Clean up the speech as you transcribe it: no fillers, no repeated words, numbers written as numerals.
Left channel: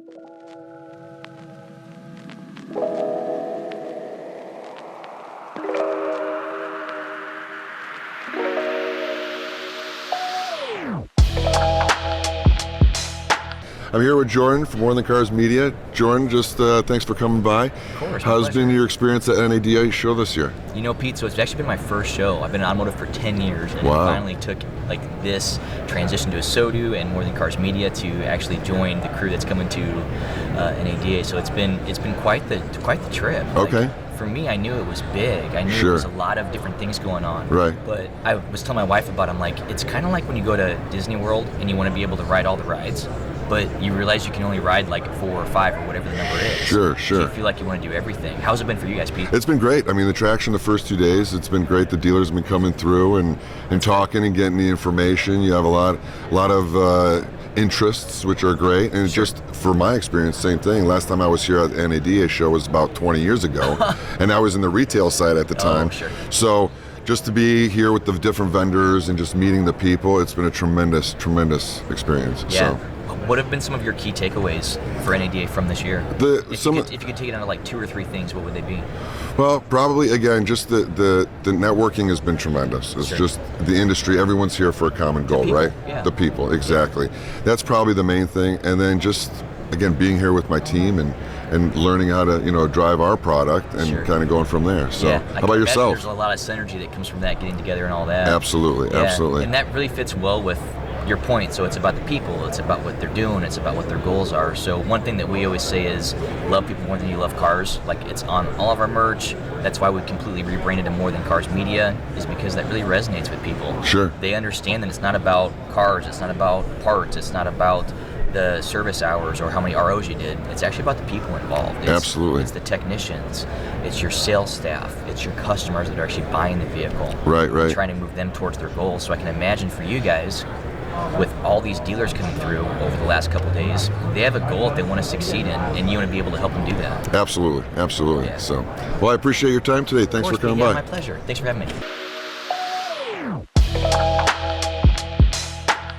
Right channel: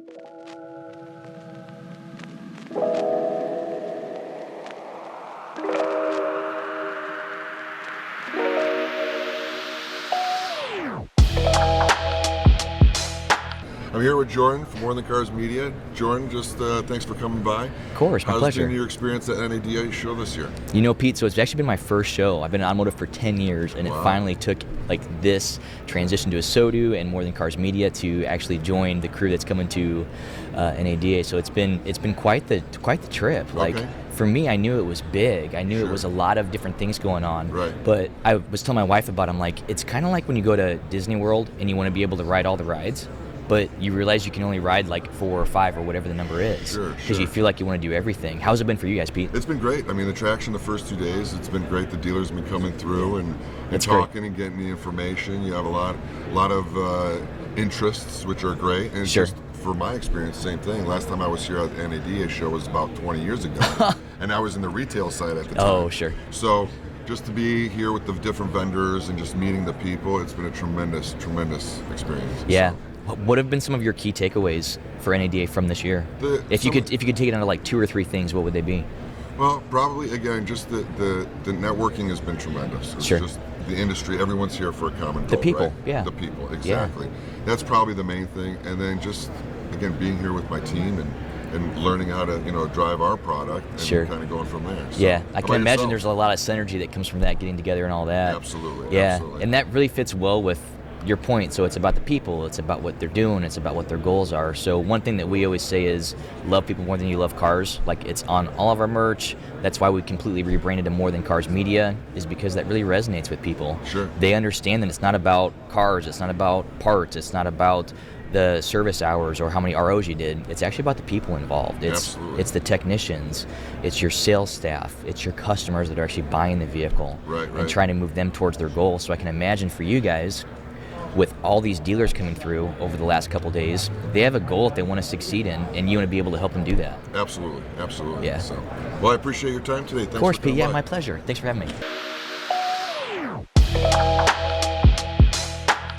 I'm here with Jordan from More Than Cars Media. Jordan, just thanks for coming by. Of course, my How's pleasure. been your experience at NADA show this year? You know, Pete, so it's actually been my first show. I've been in automotive for 10 years, and Wow. it finally took like this transition to ASOTU and More Than Cars Media to actually join the crew that's coming to NADA. So it's been quite the trip. Okay. Like, for me, I knew it was big. I knew Sure. there was a lot of different things going on. Right. But I was telling my wife about it. I'm like, it's kind of like when you go to Disney World and you want to be able to ride all the rides, but you realize you can only ride like 4 or 5 or whatever the number is. Sure. Because you feel like you want to do everything. How's it been for you guys, Pete? It's been great. I mean, the traction the first 2 days, it's been great. The dealers have been coming through and talking and getting the information. You have a lot of interests, which are great. And Sure. just for my experience, same thing. Last time I was here at the NADA show was about 20 years ago, and I was in the retail side at the time. Oh, sure. So just to be here with the different vendors and just meeting the people, it's been a tremendous experience. Yeah. So, What have been some of your key takeaways for NADA from this year? If you could take it into like 2 or 3 things, what would they be? well, probably again, just the networking has been tremendous. It's Sure. just the industry. Everyone's here for a common goal, people, right? yeah. The people, exactly. That's probably the main thing. And then just again being here with my team and learning how to drive our product and Sure. kind of going from there. So, Yeah, I how can about imagine yourself? there's a lot of synergy that comes from that, getting together and all that. Absolutely, Yeah, absolutely. and that really fits well with your point. So it's about the people, it's about what they're doing, it's about what their goals are. So one thing that we always say is love people more than you love cars. Like, it's on all of our merch. That's why we completely rebranded to More Than Cars Media, is because that really resonates with people. Sure. They understand that it's not about cars, it's not about parts, it's not about the service hours or how many ROs you did. It's actually about the people involved. Absolutely. It's the technicians, it's your sales staff, it's your customers that are actually buying the vehicle. Right. And trying to move them towards their goals. So I can imagine for you guys, with all these dealers coming through over the last couple days, they have a goal that they want to succeed in, and you want to be able to help them do that. Absolutely. Yeah. So, well, I appreciate your time today. Thanks Of course, for coming Pete, yeah, by. my pleasure. Thanks for having me.